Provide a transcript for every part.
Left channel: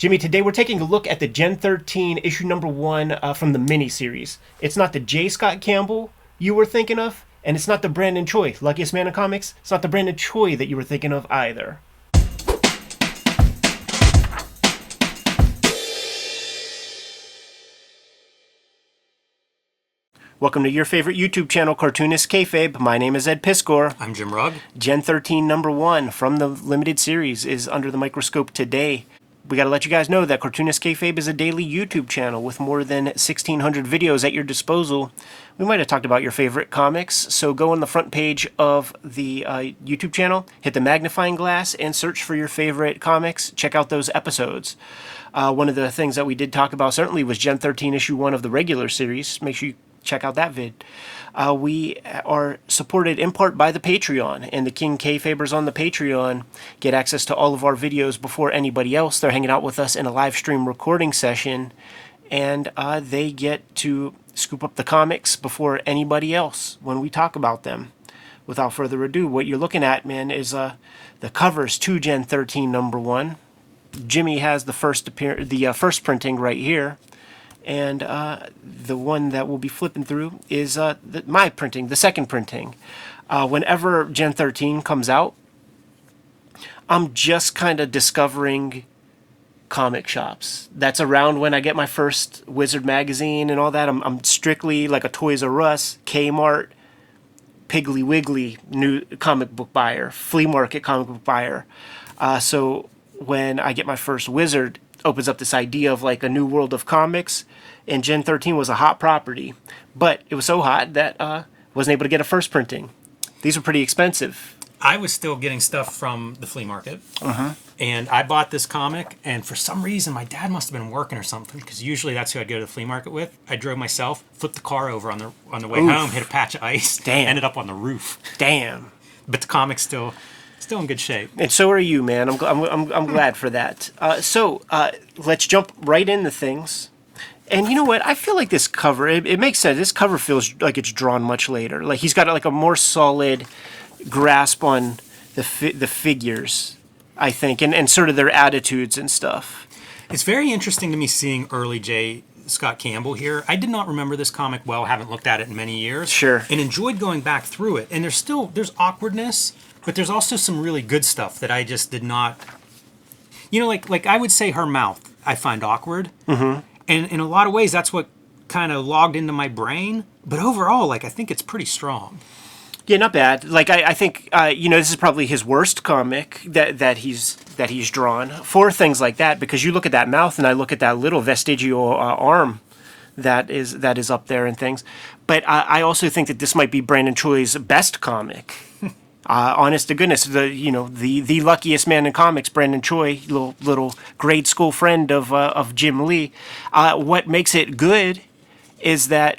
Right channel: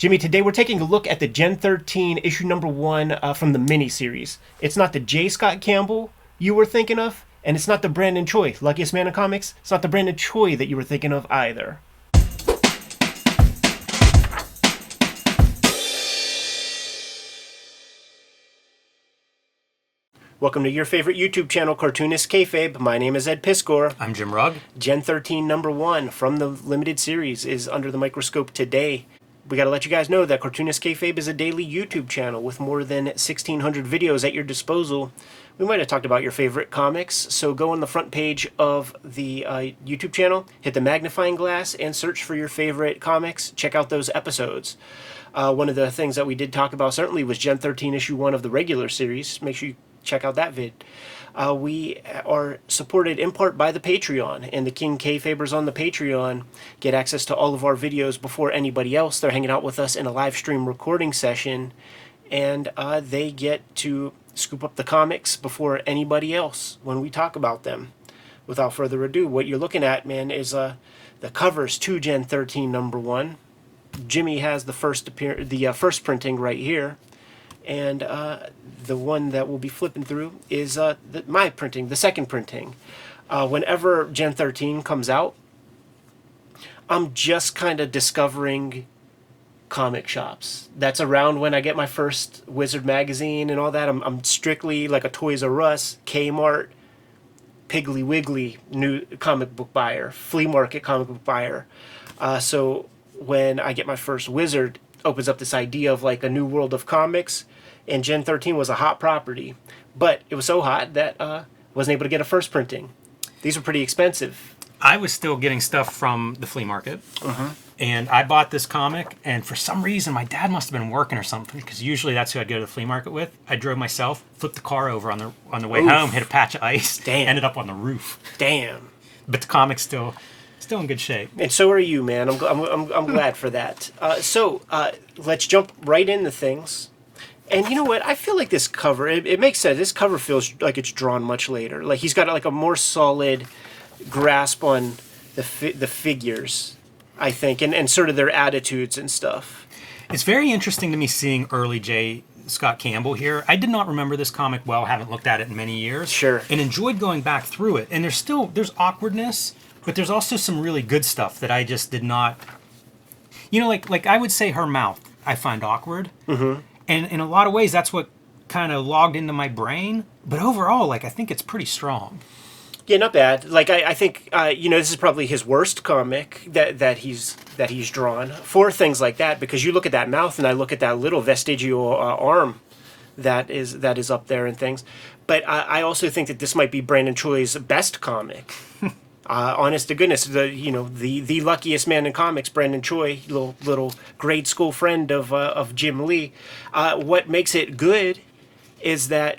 Jimmy, today we're taking a look at the Gen 13 issue number 1 from the miniseries. It's not the J. Scott Campbell you were thinking of, and it's not the Brandon Choi, luckiest man in comics. It's not the Brandon Choi that you were thinking of either. Welcome to your favorite YouTube channel, Cartoonist Kayfabe. My name is Ed Piskor. I'm Jim Rugg. Gen 13 number 1 from the limited series is under the microscope today. We got to let you guys know that Cartoonist Kayfabe is a daily YouTube channel with more than 1,600 videos at your disposal. We might have talked about your favorite comics, so go on the front page of the YouTube channel, hit the magnifying glass, and search for your favorite comics. Check out those episodes. One of the things that we did talk about certainly was Gen 13 issue 1 of the regular series. Make sure you check out that vid. We are supported in part by the Patreon, and the King Kayfabers on the Patreon get access to all of our videos before anybody else. They're hanging out with us in a live stream recording session, and they get to scoop up the comics before anybody else when we talk about them. Without further ado, what you're looking at, man, is the covers to Gen 13 number 1. Jimmy has the first printing right here, and the one that we'll be flipping through is my printing, the second printing. Whenever Gen 13 comes out, I'm just kind of discovering comic shops. That's around when I get my first Wizard magazine and all that. I'm strictly like a Toys R Us, Kmart, Piggly Wiggly new comic book buyer, flea market comic book buyer. So when I get my first Wizard, opens up this idea of like a new world of comics. And Gen 13 was a hot property, but it was so hot that wasn't able to get a first printing. These were pretty expensive. I was still getting stuff from the flea market, and I bought this comic, and for some reason, my dad must have been working or something, because usually that's who I'd go to the flea market with. I drove myself, flipped the car over on the way home, hit a patch of ice, ended up on the roof. Damn. But the comic's still in good shape. And so are you, man. I'm glad for that. So let's jump right into things. And you know what? I feel like this cover, it makes sense. This cover feels like it's drawn much later. Like he's got like a more solid grasp on the figures, I think, and sort of their attitudes and stuff. It's very interesting to me seeing early J. Scott Campbell here. I did not remember this comic well, haven't looked at it in many years. Sure. And enjoyed going back through it. And there's awkwardness, but there's also some really good stuff that I just did not, like I would say her mouth, I find awkward. And in a lot of ways, that's what kind of logged into my brain. But overall, I think it's pretty strong. Yeah, not bad. I think this is probably his worst comic that he's drawn for things like that, because you look at that mouth and I look at that little vestigial arm that is up there and things. But I also think that this might be Brandon Choi's best comic. Honest to goodness, the luckiest man in comics, Brandon Choi, little grade school friend of Jim Lee. What makes it good is that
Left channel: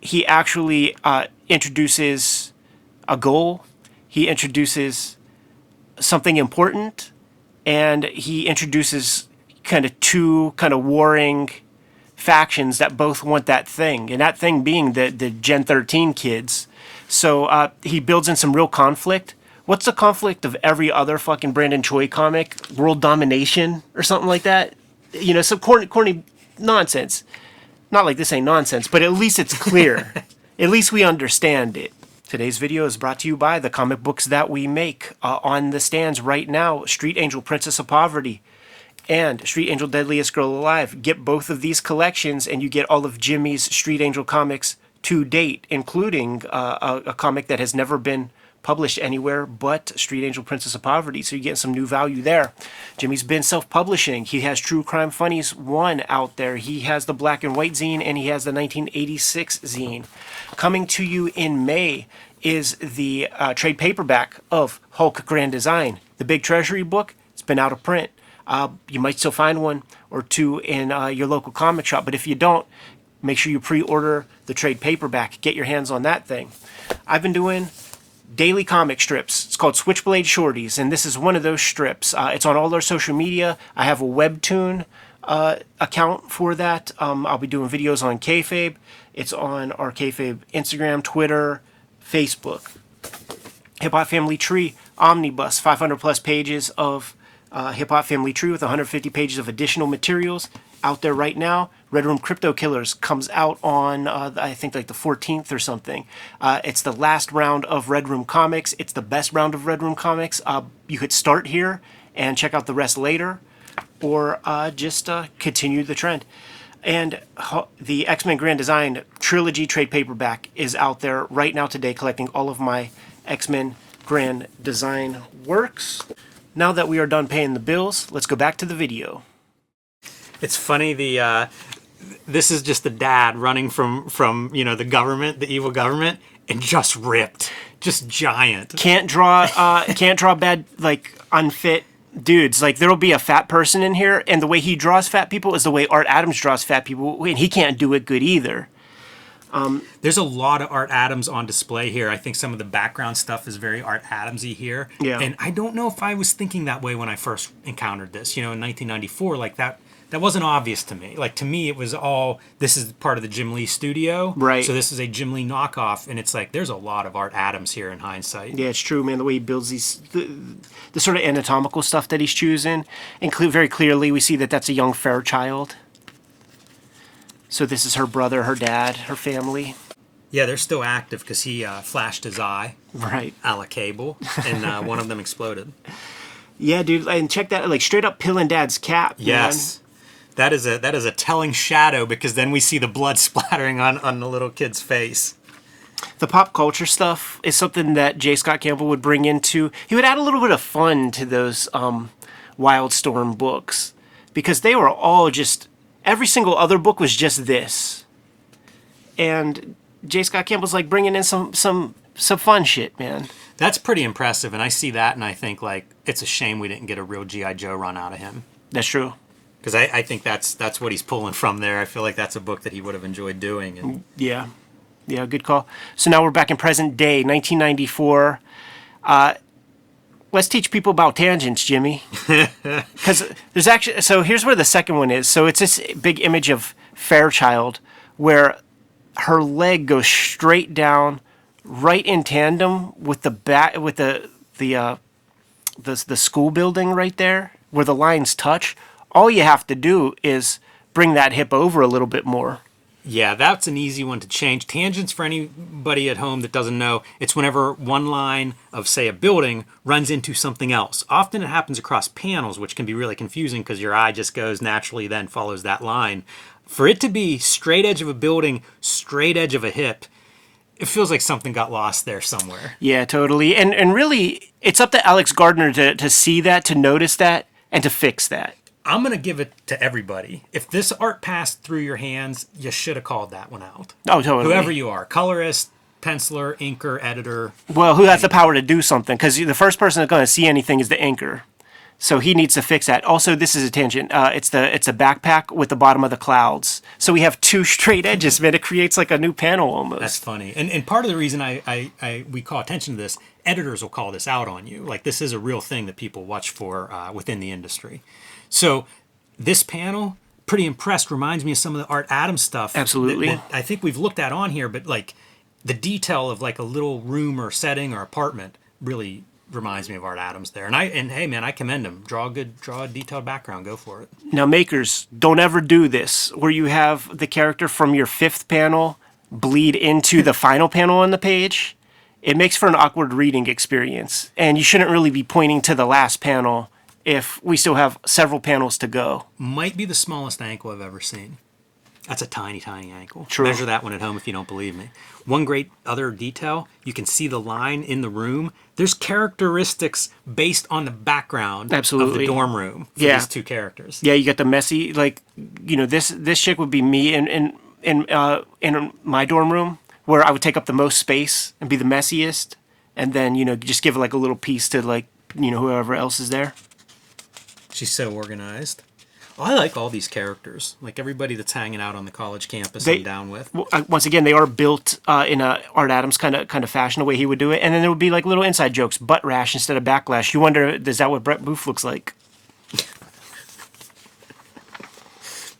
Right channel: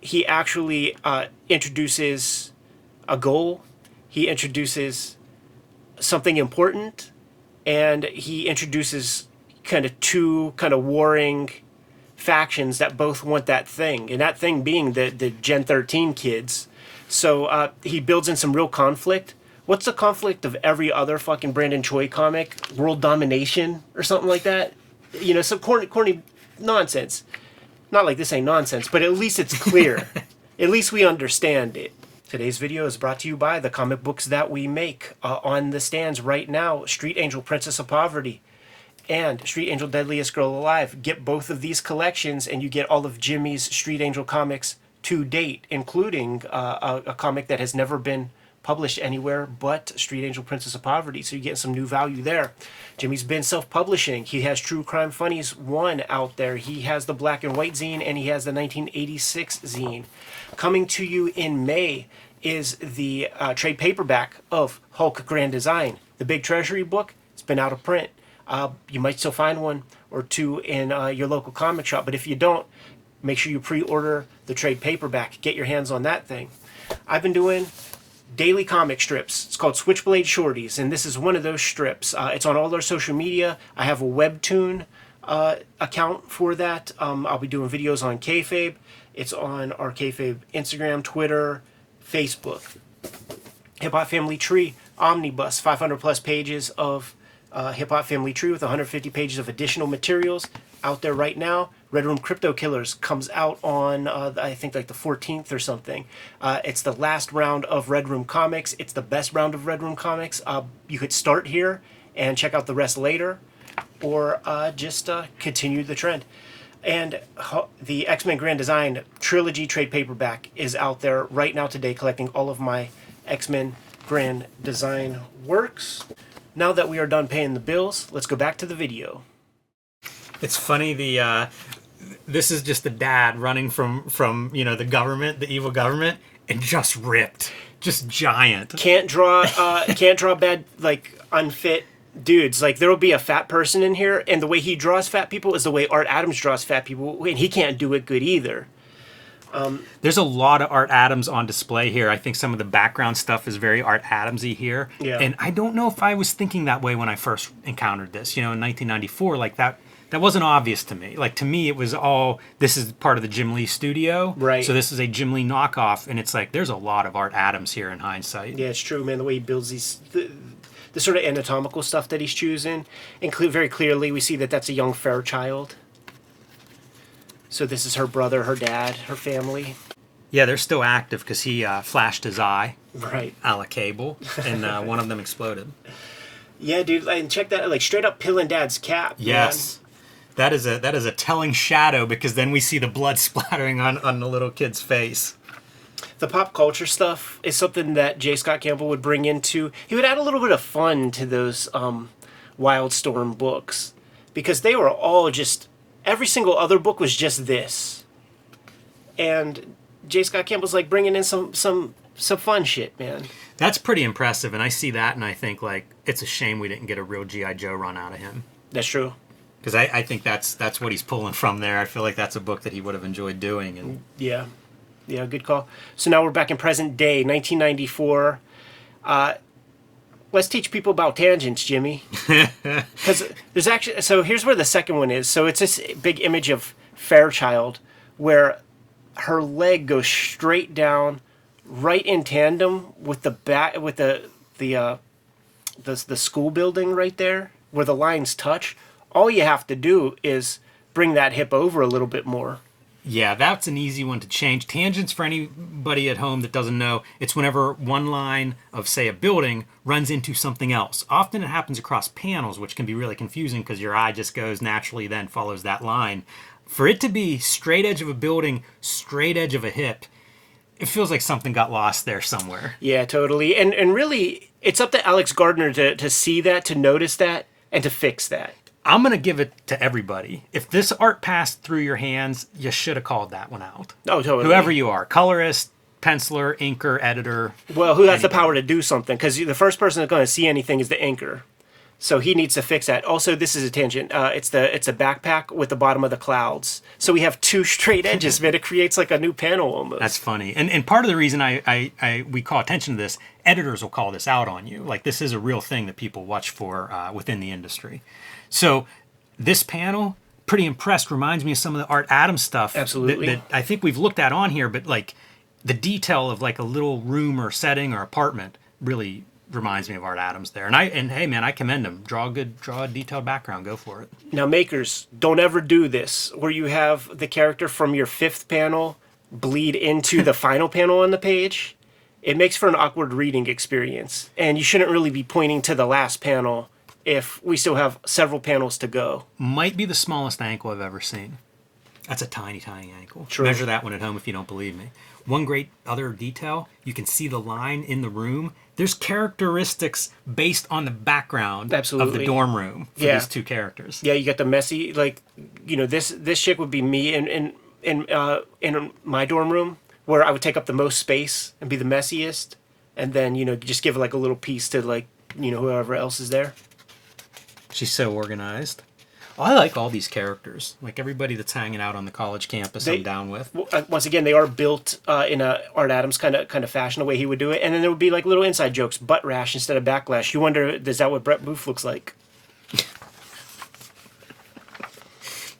he actually introduces a goal. He introduces something important, and he introduces kind of two kind of warring factions that both want that thing, and that thing being the Gen 13 kids. So he builds in some real conflict. What's the conflict of every other fucking Brandon Choi comic? World domination or something like that? Some corny nonsense. Not like this ain't nonsense, but at least it's clear. At least we understand it. Today's video is brought to you by the comic books that we make. On the stands right now, Street Angel, Princess of Poverty, and Street Angel, Deadliest Girl Alive. Get both of these collections and you get all of Jimmy's Street Angel comics to date, including a comic that has never been published anywhere but Street Angel, Princess of Poverty, so you get some new value there. Jimmy's been self-publishing. He has True Crime Funnies 1 out there. He has the Black and White zine, and he has the 1986 zine. Coming to you in May is the trade paperback of Hulk Grand Design. The Big Treasury book, it's been out of print. You might still find one or two in your local comic shop, but if you don't, make sure you pre-order the trade paperback. Get your hands on that thing. I've been doing daily comic strips. It's called Switchblade Shorties, and this is one of those strips. It's on all our social media. I have a Webtoon account for that. I'll be doing videos on Kayfabe. It's on our Kayfabe Instagram, Twitter, Facebook. Hip Hop Family Tree Omnibus, 500 plus pages of Hip Hop Family Tree with 150 pages of additional materials out there right now. Red Room Crypto Killers comes out on, I think, like the 14th or something. It's the last round of Red Room Comics. It's the best round of Red Room Comics. You could start here and check out the rest later, or just continue the trend. And the X-Men Grand Design Trilogy trade paperback is out there right now today, collecting all of my X-Men Grand Design works. Now that we are done paying the bills, let's go back to the video. It's funny, this is just the dad running from the government, the evil government, and just ripped, just giant. Can't draw bad, like, unfit dudes. Like, there'll be a fat person in here, and the way he draws fat people is the way Art Adams draws fat people, and he can't do it good either. There's a lot of Art Adams on display here. I think some of the background stuff is very Art Adamsy here. Yeah. And I don't know if I was thinking that way when I first encountered this. In 1994, like that wasn't obvious to me. Like, to me, it was all, this is part of the Jim Lee studio. Right. So this is a Jim Lee knockoff, and it's like, there's a lot of Art Adams here in hindsight. Yeah, it's true, man. The way he builds the sort of anatomical stuff that he's choosing, and very clearly we see that that's a young Fairchild. So this is her brother, her dad, her family. Yeah, they're still active because he flashed his eye, Right. a la Cable, and one of them exploded. Yeah, dude, and check that, like, straight up pillin' Dad's cap. Yes. That is a telling shadow, because then we see the blood splattering on the little kid's face. The pop culture stuff is something that J. Scott Campbell would bring into. He would add a little bit of fun to those Wildstorm books, because they were all just, every single other book was just this, and J. Scott Campbell's like bringing in some fun shit, man. That's pretty impressive, and I see that, and I think, like, it's a shame we didn't get a real G.I. Joe run out of him. That's true. Because I think that's what he's pulling from there. I feel like that's a book that he would have enjoyed doing. And Yeah, good call. So now we're back in present day, 1994. Let's teach people about tangents, Jimmy. Because there's actually, so here's where the second one is. So it's this big image of Fairchild where her leg goes straight down, right in tandem with the back, with the school building right there where the lines touch. All you have to do is bring that hip over a little bit more. yeah, that's an easy one to change. Tangents, for anybody at home that doesn't know, it's whenever one line of, say, a building runs into something else. Often it happens across panels, which can be really confusing because your eye just goes naturally, then follows that line. For it to be straight edge of a building, straight edge of a hip, it feels like something got lost there somewhere. Yeah, totally. And really, it's up to Alex Gardner to see that, to notice that, and to fix that. I'm going to give it to everybody. If this art passed through your hands, you should have called that one out. Oh, totally. Whoever you are, colorist, penciler, inker, editor. Well, who has the power to do something? Because the first person that's going to see anything is the inker. So he needs to fix that. Also, this is a tangent. It's a backpack with the bottom of the clouds. So we have two straight edges, man. It creates like a new panel almost. That's funny. And part of the reason we call attention to this, editors will call this out on you. Like, this is a real thing that people watch for within the industry. So this panel, pretty impressed, reminds me of some of the Art Adams stuff. Absolutely. That I think we've looked at on here, but like the detail of like a little room or setting or apartment really reminds me of Art Adams there. And hey man, I commend him. Draw a detailed background. Go for it. Now, makers, don't ever do this where you have the character from your fifth panel bleed into the final panel on the page. It makes for an awkward reading experience. And you shouldn't really be pointing to the last panel if we still have several panels to go. Might be the smallest ankle I've ever seen. That's a tiny, tiny ankle. True. Measure that one at home if you don't believe me. One great other detail, you can see the line in the room. There's characteristics based on the background of Absolutely. the dorm room for Yeah. these two characters. Yeah, you got the messy, like, you know, this chick would be me in my dorm room, where I would take up the most space and be the messiest, and then, you know, just give like a little piece to, like, you know, whoever else is there. She's so organized. Oh, I like all these characters. Like everybody that's hanging out on the college campus, I'm down with. Once again, they are built in a Art Adams kind of fashion, the way he would do it, and then there would be like little inside jokes, butt rash instead of backlash. You wonder, is that what Brett Booth looks like? It'd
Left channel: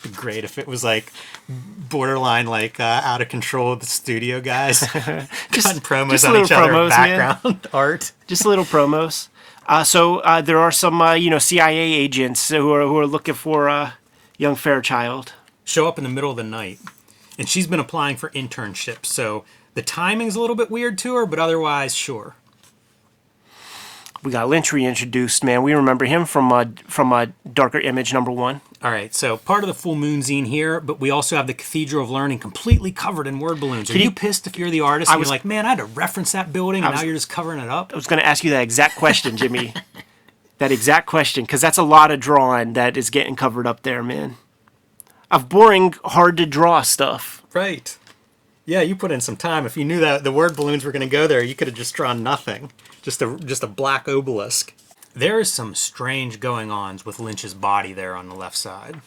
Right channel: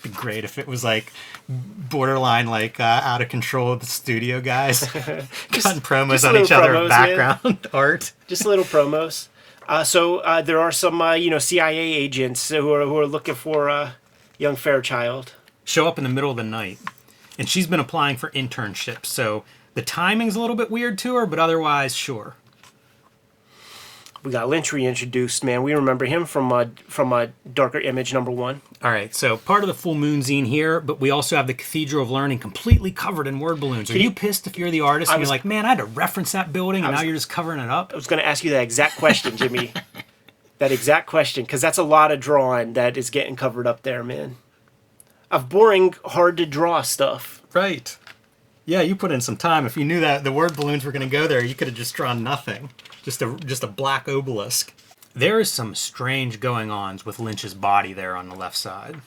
be great if it was like borderline, like out of control of the studio guys cutting promos on each other, promos, background art. Just little promos. So there are some, CIA agents who are looking for young Fairchild. Show up in the middle of the night. And she's been applying for internships, so the timing's a little bit weird to her, but otherwise, sure. We got Lynch reintroduced, man. We remember him from Darker Image #1. All right, so part of the full moon zine here, but we also have the Cathedral of Learning completely covered in word balloons. Are you pissed if you're the artist and you're like, man, I had to reference that building and now you're just covering it up? I was going to ask you that exact question, Jimmy. That exact question, because that's a lot of drawing that is getting covered up there, man. Of boring, hard to draw stuff. Right. Yeah, you put in some time. If you knew that the word balloons were going to go there, you could have just drawn nothing. Just a black obelisk. There is some strange going-ons with Lynch's body there on the left side.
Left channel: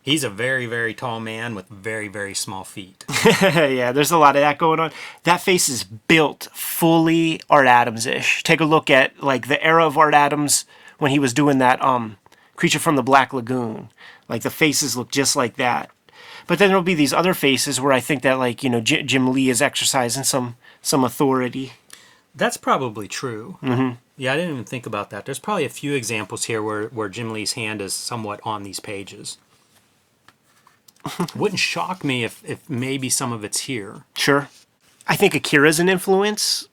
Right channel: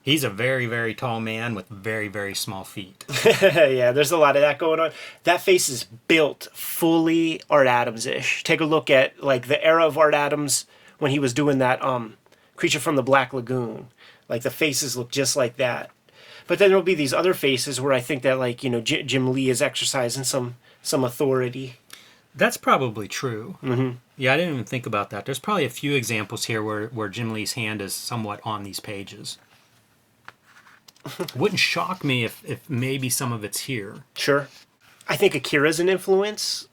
He's a very, very tall man with very, very small feet. Yeah, there's a lot of that going on. That face is built fully Art Adams-ish. Take a look at like the era of Art Adams when he was doing that Creature from the Black Lagoon. Like the faces look just like that. But then there'll be these other faces where I think that like, Jim Lee is exercising some authority. That's probably true. Mm-hmm. Yeah, I didn't even think about that. There's probably a few examples here where Jim Lee's hand is somewhat on these pages. Wouldn't shock me if maybe some of it's here. Sure. I think Akira's an influence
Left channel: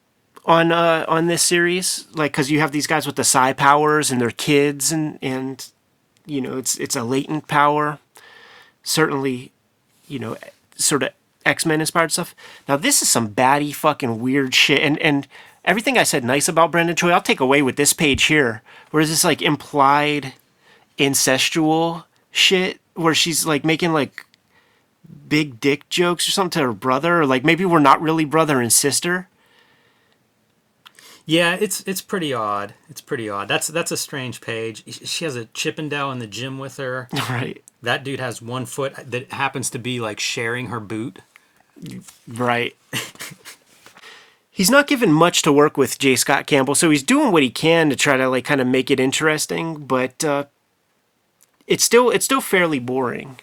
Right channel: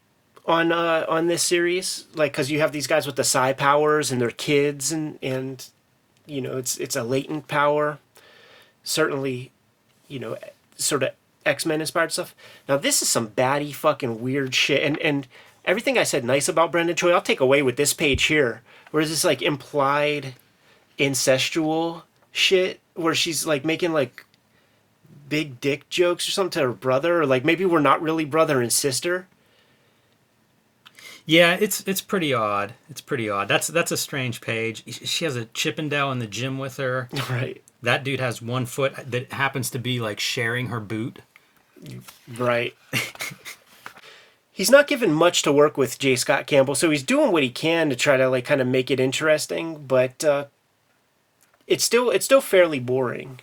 on this series, like because you have these guys with the psi powers and their kids, and it's a latent power. Certainly, sort of X-Men inspired stuff. Now this is some batty fucking weird shit, and everything I said nice about Brendan Choi, I'll take away with this page here, where is this like implied incestual shit, where she's like making like big dick jokes or something to her brother, or like maybe we're not really brother and sister. Yeah, it's pretty odd. It's pretty odd. That's a strange page. She has a Chippendale in the gym with her. Right. That dude has one foot that happens to be like sharing her boot. Right. He's not given much to work with, J. Scott Campbell, so he's doing what he can to try to like kind of make it interesting, but it's still fairly boring.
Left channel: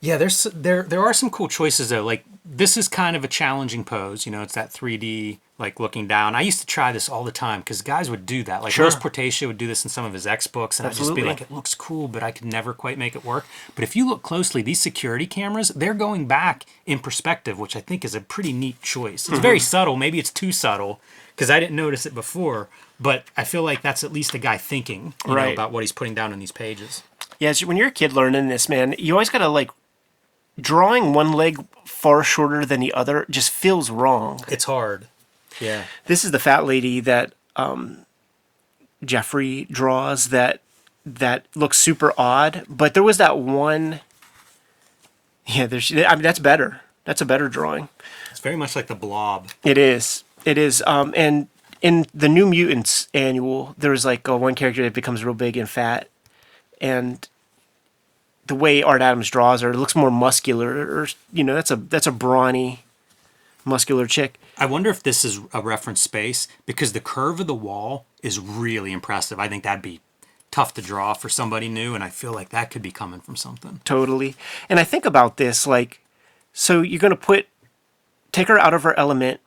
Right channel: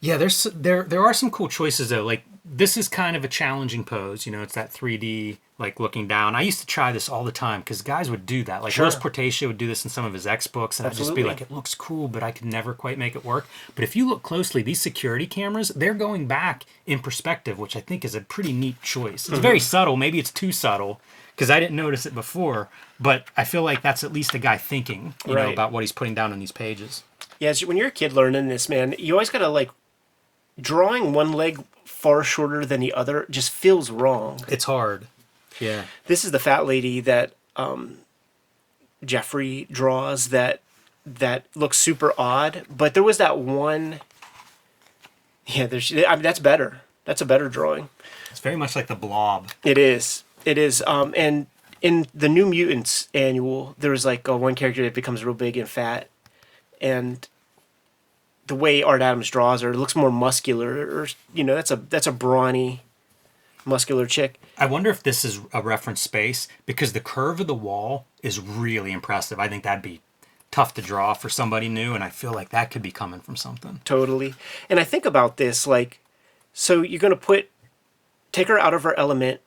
Yeah, there are some cool choices though. Like this is kind of a challenging pose. It's that 3D like looking down. I used to try this all the time because guys would do that. Like Rose Portacia would do this in some of his X books, and I'd just be like, it looks cool, but I could never quite make it work. But if you look closely, these security cameras, they're going back in perspective, which I think is a pretty neat choice. It's very subtle. Maybe it's too subtle because I didn't notice it before, but I feel like that's at least a guy thinking, about what he's putting down on these pages. Yeah, so when you're a kid learning this, man, you always gotta like drawing one leg far shorter than the other just feels wrong. It's hard. Yeah. This is the fat lady that Jeffrey draws that looks super odd, but there was that one. Yeah, that's better. That's a better drawing. It's very much like the Blob. It is. And in the New Mutants annual, there's like one character that becomes real big and fat, and the way Art Adams draws her, it looks more muscular, or that's a brawny, muscular chick. I wonder if this is a reference space because the curve of the wall is really impressive. I think that'd be tough to draw for somebody new, and I feel like that could be coming from something. Totally. And I think about this, like, so you're gonna take her out of her element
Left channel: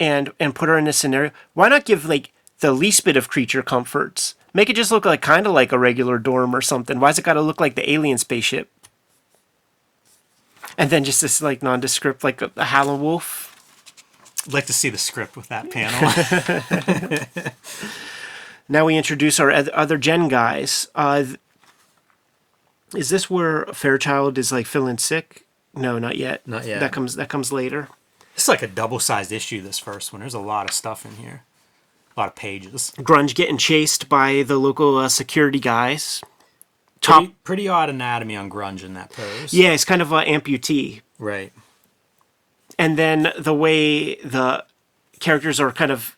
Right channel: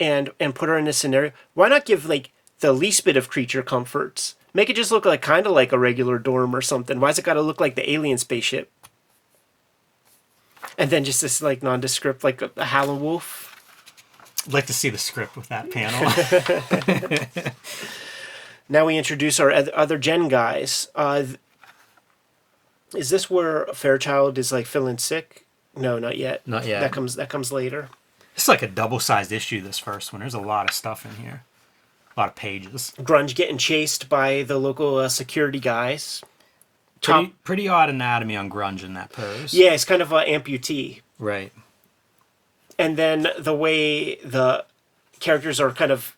and put her in this scenario. Why not give like the least bit of creature comforts? Make it just look like kind of like a regular dorm or something. Why's it got to look like the alien spaceship? And then just this like nondescript, like a Howler Wolf. I'd like to see the script with that panel. Now we introduce our other Gen guys. Is this where Fairchild is like feeling sick? No, not yet. Not yet. That comes later. It's like a double-sized issue, this first one. There's a lot of stuff in here. A lot of pages. Grunge getting chased by the local security guys. Pretty odd anatomy on Grunge in that pose. Yeah, it's kind of an amputee. Right. And then the way the characters are kind of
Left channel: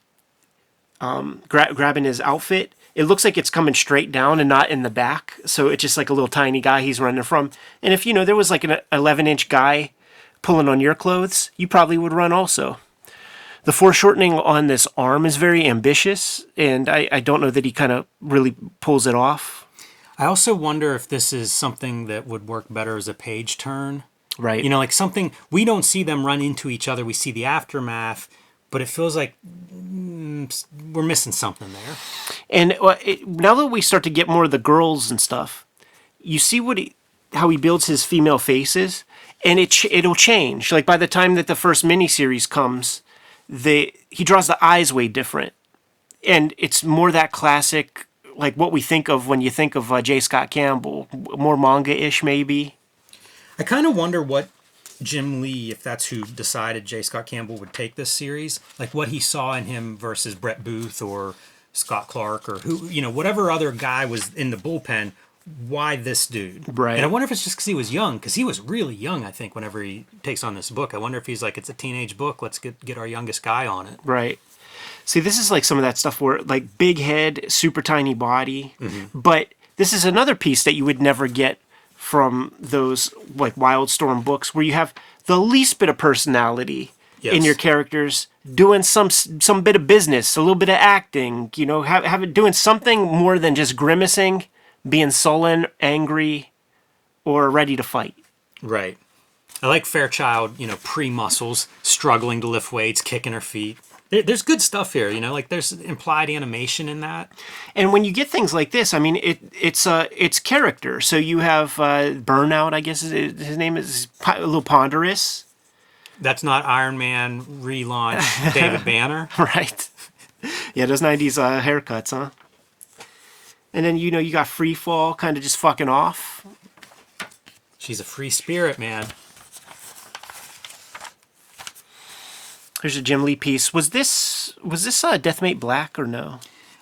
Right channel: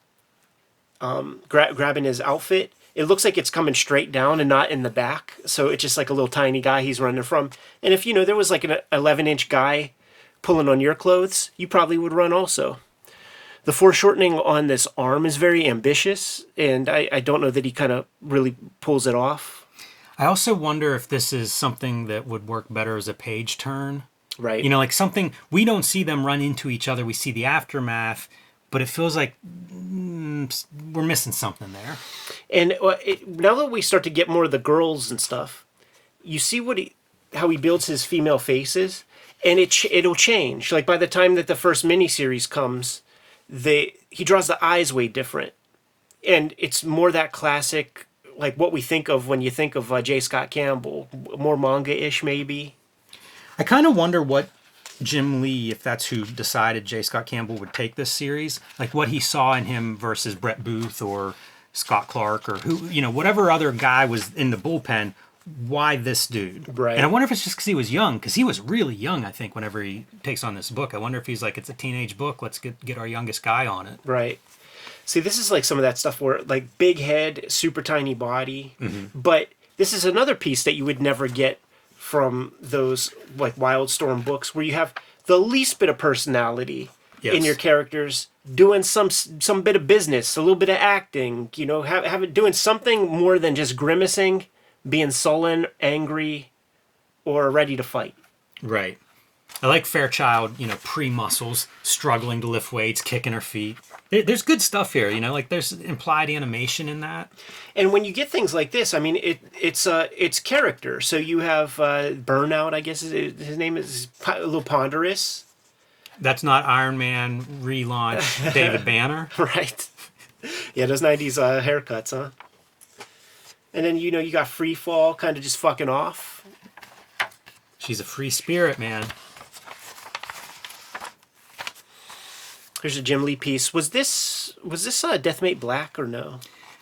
grabbing his outfit, it looks like it's coming straight down and not in the back. So it's just like a little tiny guy he's running from. And if, there was like an 11-inch guy pulling on your clothes, you probably would run also. The foreshortening on this arm is very ambitious, and I don't know that he kind of really pulls it off. I also wonder if this is something that would work better as a page turn. Right. Like something, we don't see them run into each other, we see the aftermath, but it feels like we're missing something there. And now that we start to get more of the girls and stuff, you see how he builds his female faces, and it'll change. Like by the time that the first miniseries comes, he draws the eyes way different, and it's more that classic, like what we think of when you think of J. Scott Campbell, more manga-ish maybe. I kind of wonder what Jim Lee, if that's who decided J. Scott Campbell would take this series, like what he saw in him versus Brett Booth or Scott Clark or who, whatever other guy was in the bullpen. Why this dude? Right. And I wonder if it's just because he was young, because he was really young, I think, whenever he takes on this book. I wonder if he's like, it's a teenage book, let's get our youngest guy on it. Right. See, this is like some of that stuff where, like, big head, super tiny body. But this is another piece that you would never get from those, like, Wildstorm books, where you have the least bit of personality in your characters, doing some bit of business, a little bit of acting, doing something more than just grimacing, being sullen, angry, or ready to fight. Right. I like Fairchild, pre-muscles, struggling to lift weights, kicking her feet. There's good stuff here, like there's implied animation in that. And when you get things like this, I mean, it's character. So you have Burnout, I guess his name is a little ponderous. That's not Iron Man relaunch David Banner. Right. Yeah, those 90s haircuts, huh? And then, you got Free Fall kind of just fucking off. She's a free spirit, man. Here's a Jim Lee piece. Was this Deathmate Black or no?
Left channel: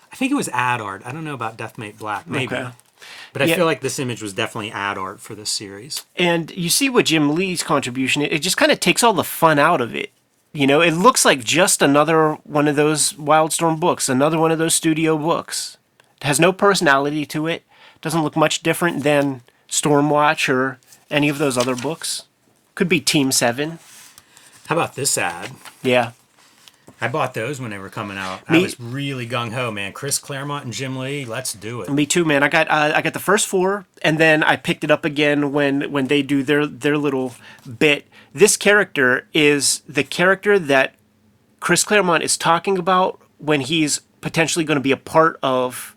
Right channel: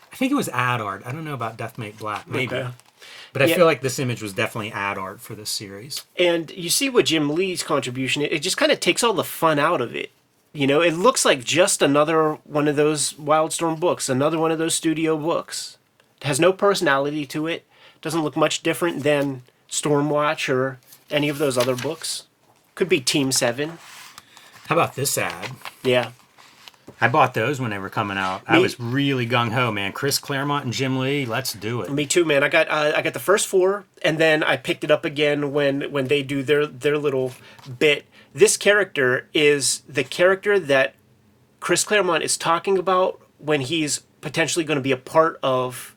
I think it was ad art. I don't know about Deathmate Black, maybe. Okay. But I feel like this image was definitely ad art for this series. And you see what Jim Lee's contribution, it just kind of takes all the fun out of it. It looks like just another one of those Wildstorm books, another one of those studio books. It has no personality to it. Doesn't look much different than Stormwatch or any of those other books. Could be Team 7. How about this ad? Yeah. I bought those when they were coming out. I was really gung-ho, man. Chris Claremont and Jim Lee, let's do it. Me too, man. I got the first 4, and then I picked it up again when they do their little bit. This character is the character that Chris Claremont is talking about when he's potentially going to be a part of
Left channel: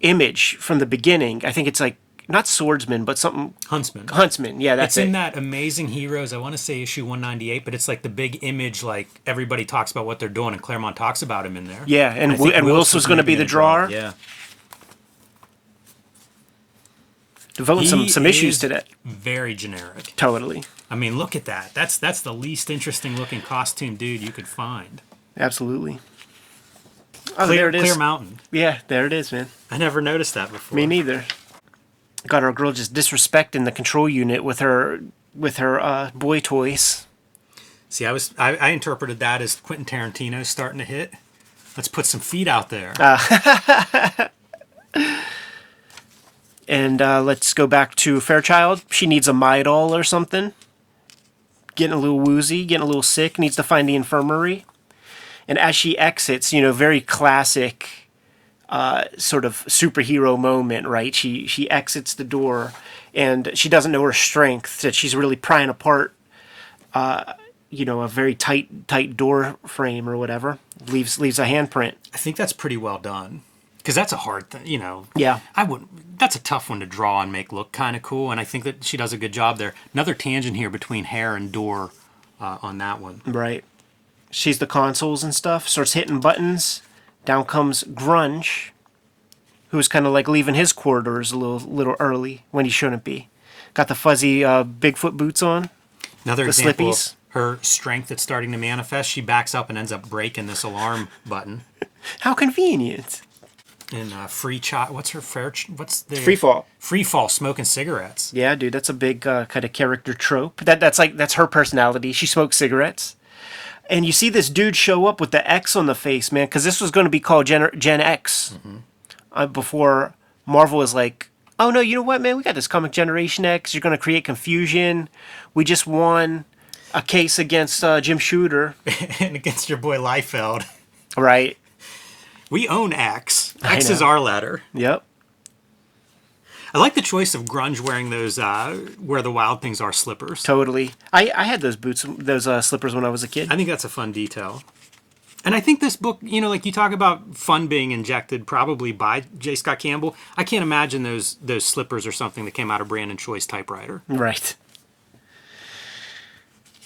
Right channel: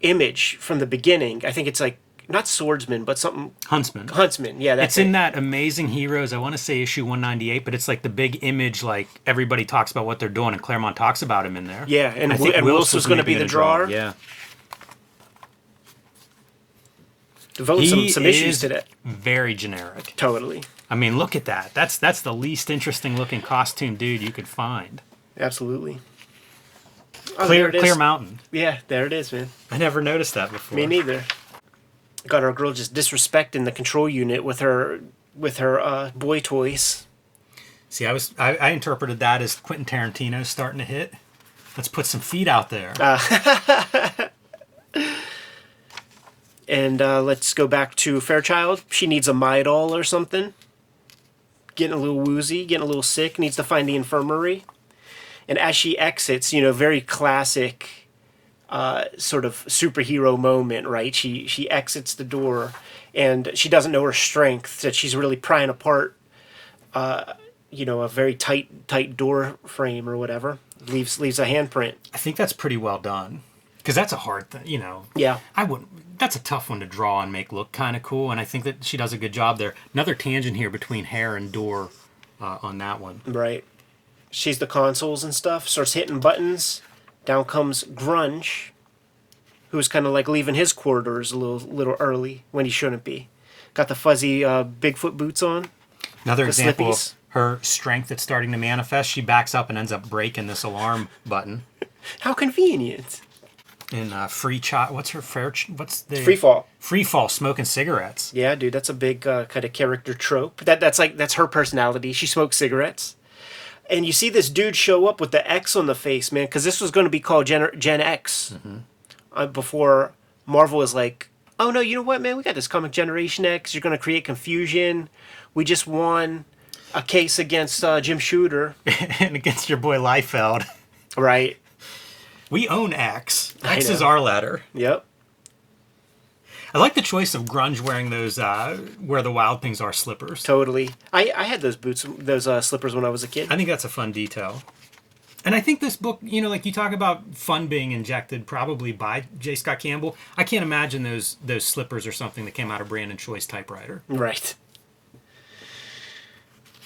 Image from the beginning. I think it's like, not Swordsman, but something... Huntsman, yeah. That's it's in that Amazing Heroes, I want to say issue 198, but it's like the big Image, like everybody talks about what they're doing, and Claremont talks about him in there. Yeah, and I think Wills was maybe going to draw it. Yeah. He some issues to that. Very generic. Totally. I mean, look at that. That's the least interesting looking costume dude you could find. Absolutely. Clear Mountain. Yeah, there it is, man. I never noticed that before. Me neither. Got our girl just disrespecting the control unit with her boy toys. See, I interpreted that as Quentin Tarantino starting to hit. Let's put some feet out there. And let's go back to Fairchild. She needs a Midol or something. Getting a little woozy, getting a little sick, needs to find the infirmary. And as she exits, very classic sort of superhero moment, right? She exits the door, and she doesn't know her strength, that she's really prying apart, a very tight door frame or whatever. Leaves a handprint. I think that's pretty well done. Because that's a hard thing, Yeah. That's a tough one to draw and make look kind of cool, and I think that she does a good job there. Another tangent here between hair and door on that one. Right. She's the consoles and stuff, starts hitting buttons. Down comes Grunge, who's kind of like leaving his corridors a little early when he shouldn't be. Got the fuzzy Bigfoot boots on. Another example of her strength that's starting to manifest. She backs up and ends up breaking this alarm button. How convenient. And Free Fall. Free Fall, smoking cigarettes. Yeah, dude, that's a big kind of character trope. That's her personality. She smokes cigarettes. And you see this dude show up with the X on the face, man, because this was going to be called Gen X. Before Marvel was like, oh, no, you know what, man? We got this comic Generation X. You're going to create confusion. We just won a case against Jim Shooter. And against your boy Liefeld. Right. We own X. X is our letter. Yep. I like the choice of Grunge wearing those where the Wild Things Are slippers. Totally. I had those boots, those slippers when I was a kid. I think that's a fun detail. And I think this book, like you talk about fun being injected probably by J. Scott Campbell. I can't imagine those slippers or something that came out of Brandon Choi's typewriter. Right.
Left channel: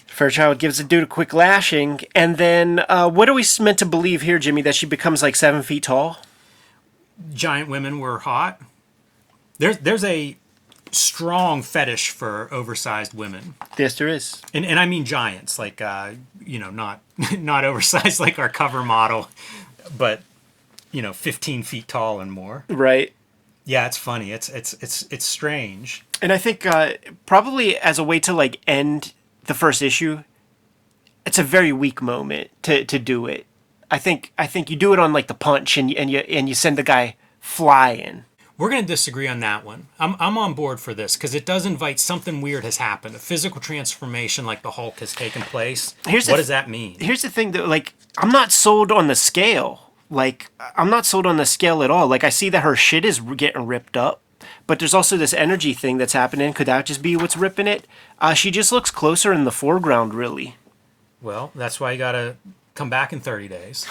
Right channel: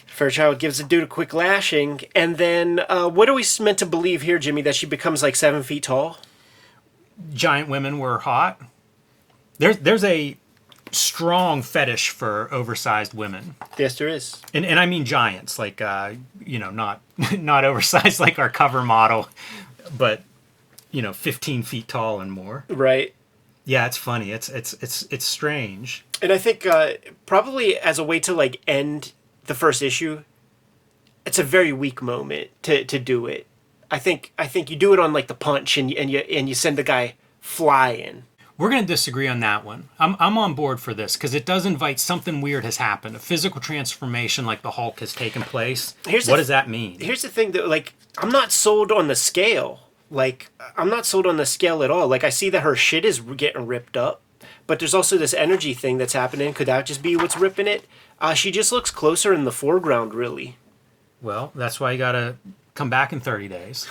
Fairchild gives the dude a quick lashing, and then what are we meant to believe here, Jimmy? That she becomes like 7 feet tall? Giant women were hot. There's a strong fetish for oversized women. Yes, there is. And I mean giants, like not oversized like our cover model, but 15 feet tall and more. Right. Yeah, it's funny. It's strange. And I think probably as a way to like end the first issue, it's a very weak moment to do it. I think you do it on like the punch and you send the guy flying. We're going to disagree on that one. I'm on board for this because it does invite something weird has happened. A physical transformation like the Hulk has taken place. What does that mean? Here's the thing, that like, I'm not sold on the scale. Like, I'm not sold on the scale at all. Like, I see that her shit is getting ripped up, but there's also this energy thing that's happening. Could that just be what's ripping it? She just looks closer in the foreground, really. Well, that's why you got to come back in 30 days.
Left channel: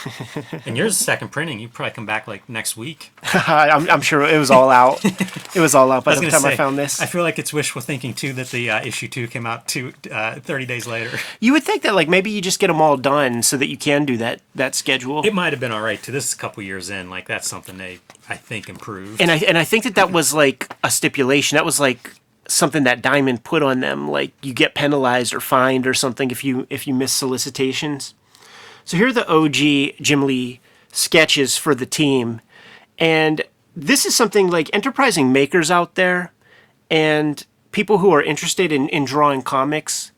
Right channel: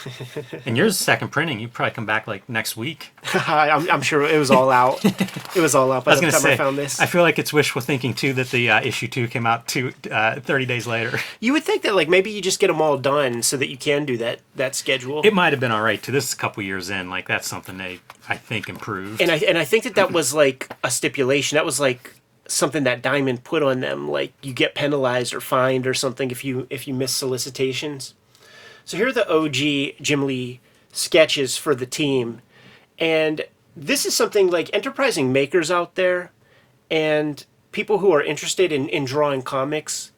And yours second printing, you probably come back like next week. I'm sure it was all out. It was all out. I was going to say, I feel like it's wishful thinking too that the issue 2 came out 30 days later. You would think that like maybe you just get them all done so that you can do that schedule. It might have been all right too. This is a couple years in. Like that's something they, I think, improved. And I think that was like a stipulation. That was like something that Diamond put on them. Like you get penalized or fined or something if you miss solicitations. So here are the OG Jim Lee sketches for the team. And this is something like enterprising makers out there and people who are interested in drawing comics,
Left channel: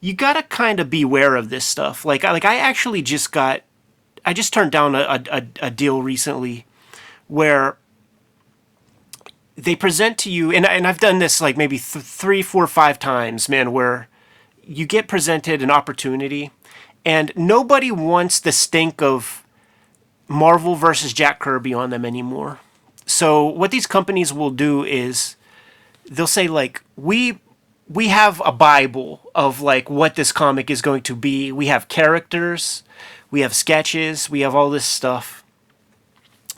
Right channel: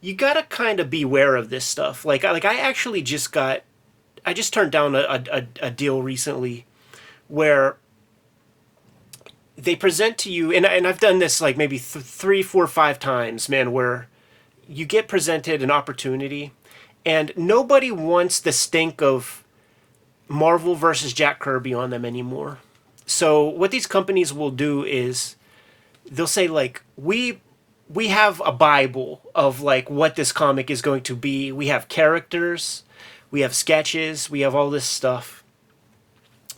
you gotta kind of beware of this stuff. I actually just turned down a deal recently where they present to you, and I've done this like maybe 3, 4, 5 times, man, where you get presented an opportunity and nobody wants the stink of Marvel versus Jack Kirby on them anymore. So what these companies will do is they'll say like, we have a Bible of like what this comic is going to be. We have characters, we have sketches, we have all this stuff.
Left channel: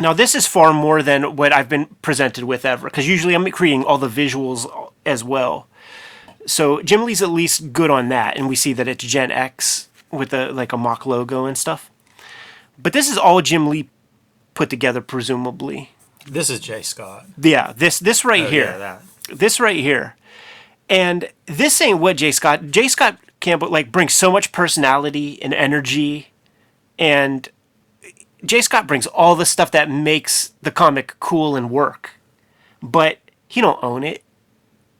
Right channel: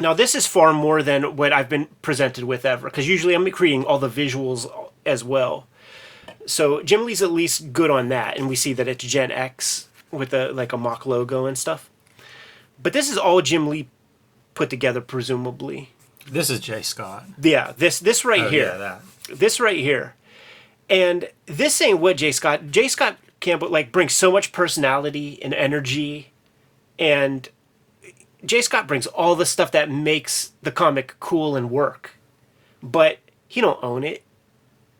Now this is far more than what I've been presented with ever, because usually I'm creating all the visuals as well. So Jim Lee's at least good on that, and we see that it's Gen X with a mock logo and stuff. But this is all Jim Lee put together, presumably. This is J. Scott. Yeah, this right here. Oh yeah, that. This right here. And this ain't what J. Scott Campbell like brings so much personality and energy, and J. Scott brings all the stuff that makes the comic cool and work. But he don't own it.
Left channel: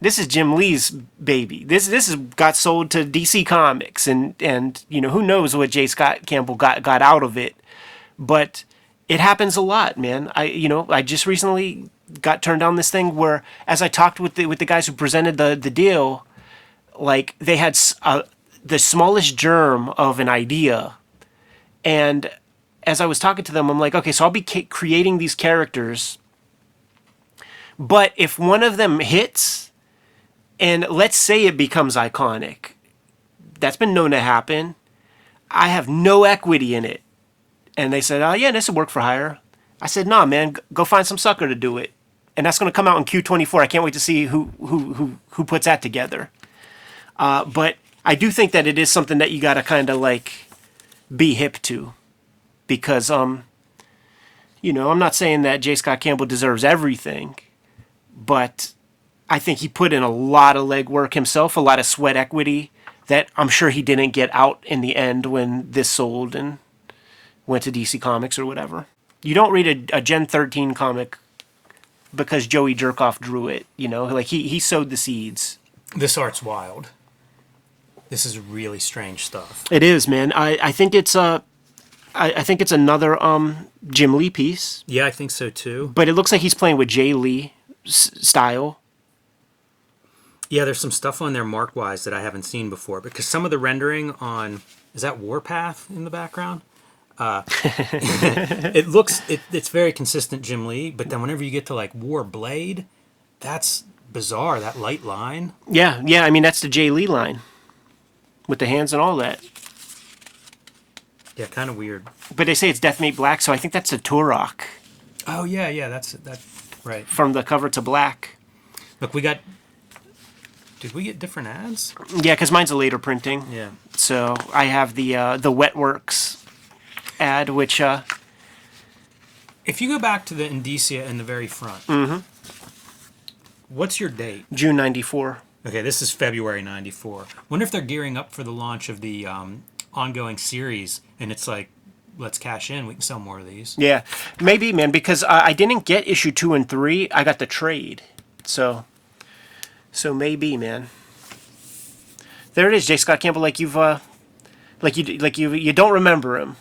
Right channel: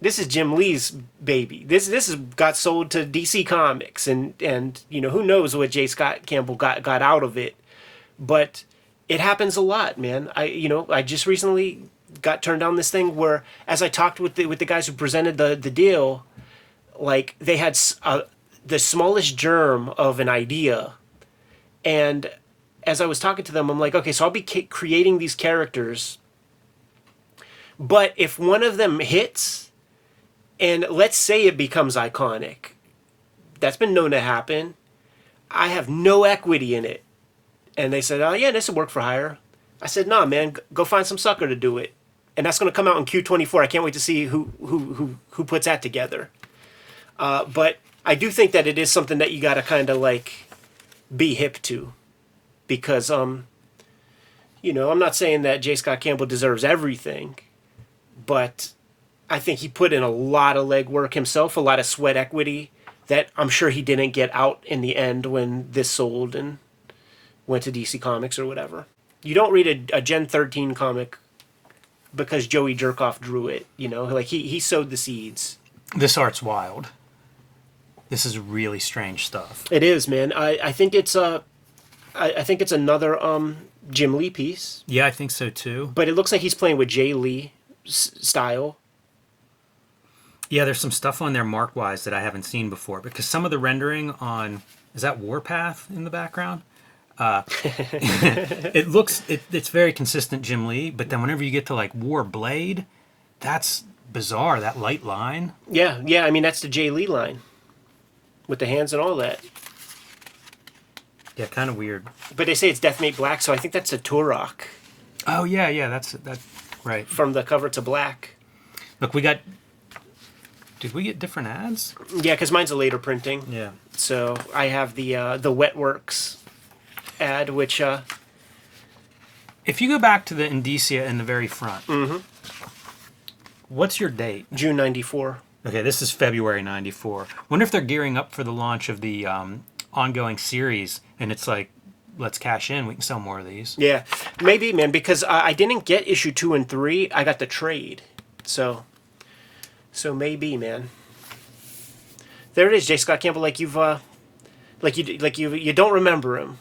This is Jim Lee's baby. This has got sold to DC Comics, and who knows what J. Scott Campbell got out of it. But it happens a lot, man. I just recently got turned down this thing where, as I talked with the guys who presented the deal, like they had the smallest germ of an idea, and as I was talking to them, I'm like, okay, so I'll be creating these characters, but if one of them hits, and let's say it becomes iconic, that's been known to happen, I have no equity in it. And they said, oh yeah, this will work for hire. I said, nah, man, go find some sucker to do it. And that's going to come out in Q24. I can't wait to see who puts that together. But I do think that it is something that you got to kind of like be hip to. Because, I'm not saying that J. Scott Campbell deserves everything, but I think he put in a lot of legwork himself, a lot of sweat equity that I'm sure he didn't get out in the end when this sold and went to DC Comics or whatever. You don't read a Gen 13 comic because Joey Jerkoff drew it, like he sowed the seeds. This art's wild. This is really strange stuff. It is, man. I think it's I think it's another Jim Lee piece. Yeah, I think so too. But it looks like he's playing with Jay Lee style. Yeah, there's some stuff on there mark-wise that I haven't seen before, because some of the rendering on, is that Warpath in the background? It's very consistent Jim Lee, but then whenever you get to like War Blade, that's bizarre, that light line. Yeah, I mean, that's the Jay Lee line with the hands and all that. Yeah, kind of weird. But they say it's Detonate Black, so I think that's a Turok. Oh yeah, that's right. From the cover to black. Look, we got. Did we get different ads? Yeah, because mine's a later printing. Yeah. So I have the Wetworks ad, which. If you go back to the indicia in the very front, what's your date? June '94. Okay, this is February '94. Wonder if they're gearing up for the launch of the ongoing series, and it's like, let's cash in. We can sell more of these. Yeah, maybe, man, because I didn't get issue 2 and 3. I got the trade, so maybe, man. There it is, J. Scott Campbell. Like you don't remember him.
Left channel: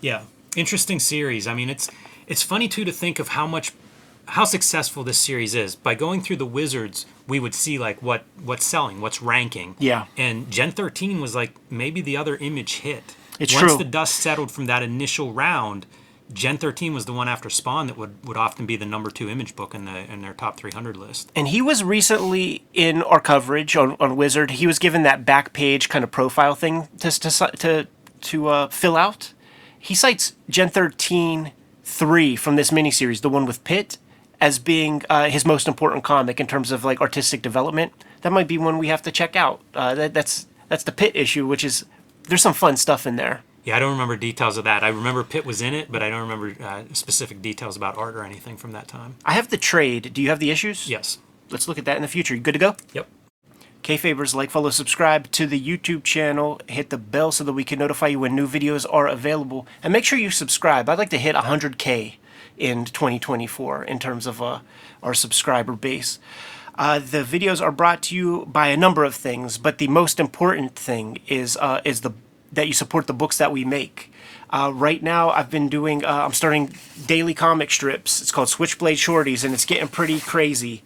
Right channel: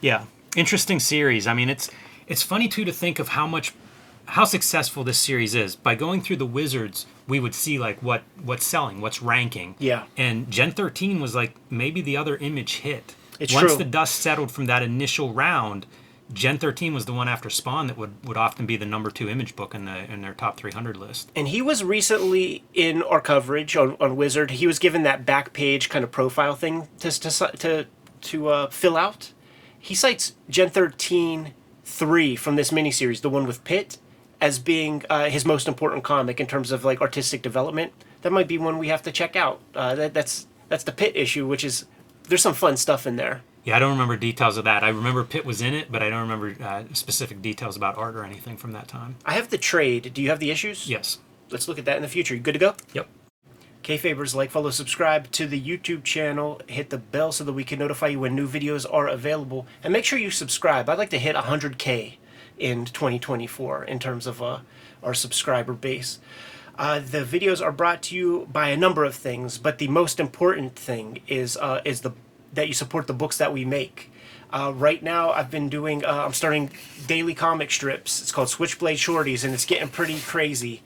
Yeah, interesting series. I mean, it's funny too to think of how successful this series is. By going through the Wizards, we would see like what's selling, what's ranking. Yeah. And Gen 13 was like maybe the other Image hit. It's Once true. the dust settled from that initial round, Gen 13 was the one after Spawn that would often be the number 2 Image book in their top 300 list. And he was recently in our coverage on Wizard. He was given that back page kind of profile thing to fill out. He cites Gen 13 3 from this miniseries, the one with Pitt, as being his most important comic in terms of like artistic development. That might be one we have to check out. That's the Pitt issue, which is there's some fun stuff in there. Yeah, I don't remember details of that. I remember Pitt was in it, but I don't remember specific details about art or anything from that time. I have the trade. Do you have the issues? Yes. Let's look at that in the future. You good to go? Yep. Kayfabers, like, follow, subscribe to the YouTube channel. Hit the bell so that we can notify you when new videos are available. And make sure you subscribe. I'd like to hit 100K in 2024 in terms of our subscriber base. The videos are brought to you by a number of things, but the most important thing is that you support the books that we make. Right now, I've been doing. I'm starting daily comic strips. It's called Switchblade Shorties, and it's getting pretty crazy.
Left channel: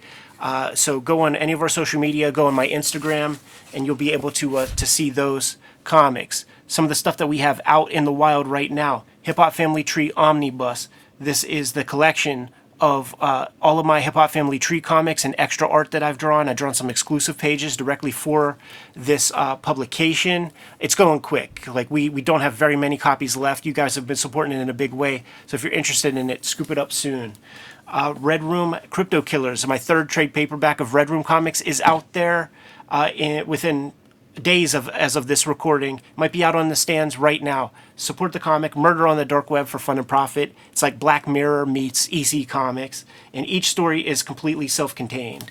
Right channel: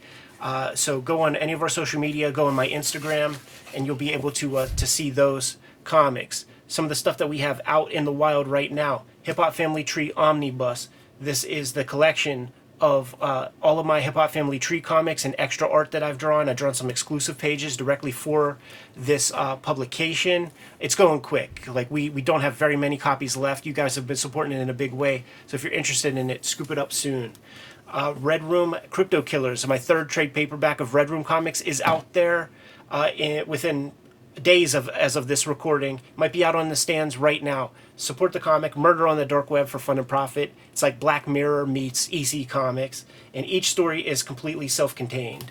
So go on any of our social media, go on my Instagram, and you'll be able to see those comics. Some of the stuff that we have out in the wild right now: Hip Hop Family Tree Omnibus. This is the collection of all of my Hip Hop Family Tree comics and extra art that I've drawn. I've drawn some exclusive pages directly for this publication. It's going quick. Like we don't have very many copies left. You guys have been supporting it in a big way. So if you're interested in it, scoop it up soon. Red Room Crypto Killers, my third trade paperback of Red Room comics, is out there within days as of this recording. Might be out on the stands right now. Support the comic, Murder on the Dark Web for fun and profit. It's like Black Mirror meets EC Comics, and each story is completely self-contained.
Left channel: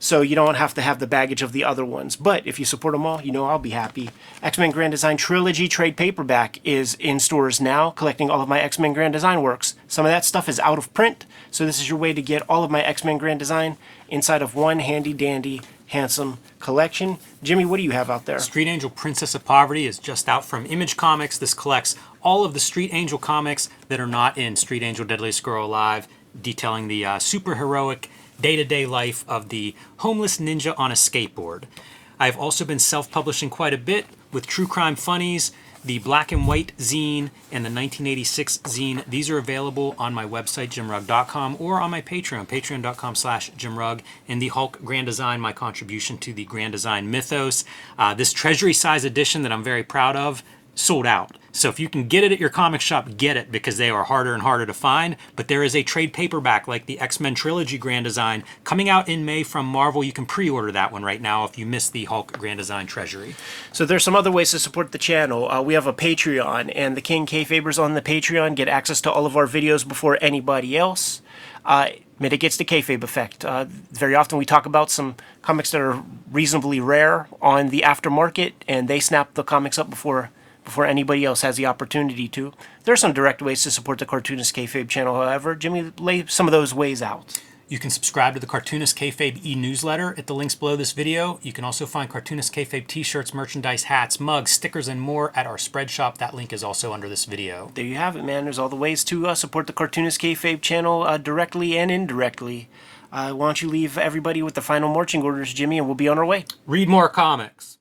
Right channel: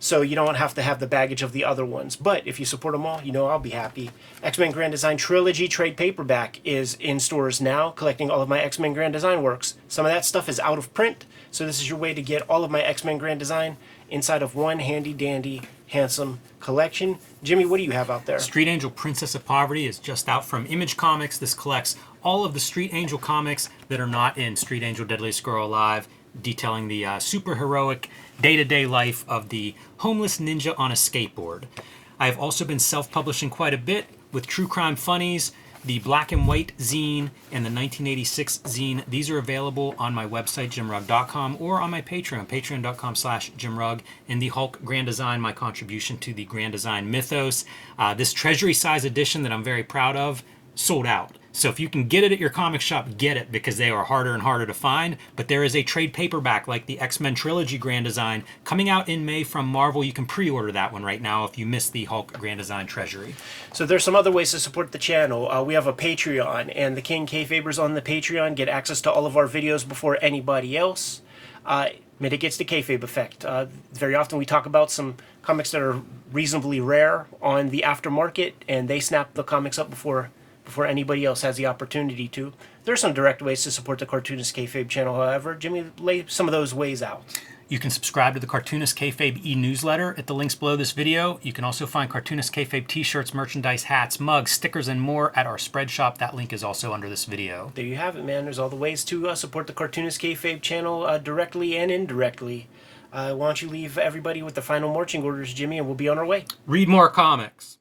So you don't have to have the baggage of the other ones. But if you support them all, you know I'll be happy. X-Men Grand Design Trilogy trade paperback is in stores now, collecting all of my X-Men Grand Design works. Some of that stuff is out of print, so this is your way to get all of my X-Men Grand Design inside of one handy-dandy, handsome collection. Jimmy, what do you have out there? Street Angel Princess of Poverty is just out from Image Comics. This collects all of the Street Angel comics that are not in Street Angel Deadliest Girl Alive, detailing the super heroic day-to-day life of the homeless ninja on a skateboard. I've also been self-publishing quite a bit with True Crime Funnies, the Black and White zine, and the 1986 zine. These are available on my website, jimrugg.com, or on my Patreon, patreon.com/jimrugg, and the Hulk Grand Design, my contribution to the Grand Design mythos. This treasury size edition that I'm very proud of, sold out. So if you can get it at your comic shop, get it, because they are harder and harder to find. But there is a trade paperback like the X-Men Trilogy Grand Design coming out in May from Marvel. You can pre-order that one right now if you missed the Hulk Grand Design Treasury. So there's some other ways to support the channel. We have a Patreon, and the King Kayfabers on the Patreon get access to all of our videos before anybody else. Mitigates the kayfabe effect. Very often we talk about some comics that are reasonably rare on the aftermarket, and they snap the comics up before anybody else has the opportunity to. There are some direct ways to support the Cartoonist Kayfabe channel, however. Jimmy, lay some of those ways out. You can subscribe to the Cartoonist Kayfabe e-newsletter at the links below this video. You can also find Cartoonist Kayfabe t-shirts, merchandise, hats, mugs, stickers, and more at our spread shop. That link is also under this video. There you have it, man. There's all the ways to support the Cartoonist Kayfabe channel directly and indirectly. Why don't you leave everybody with the final marching orders, Jimmy, and we'll be on our way. Read more comics.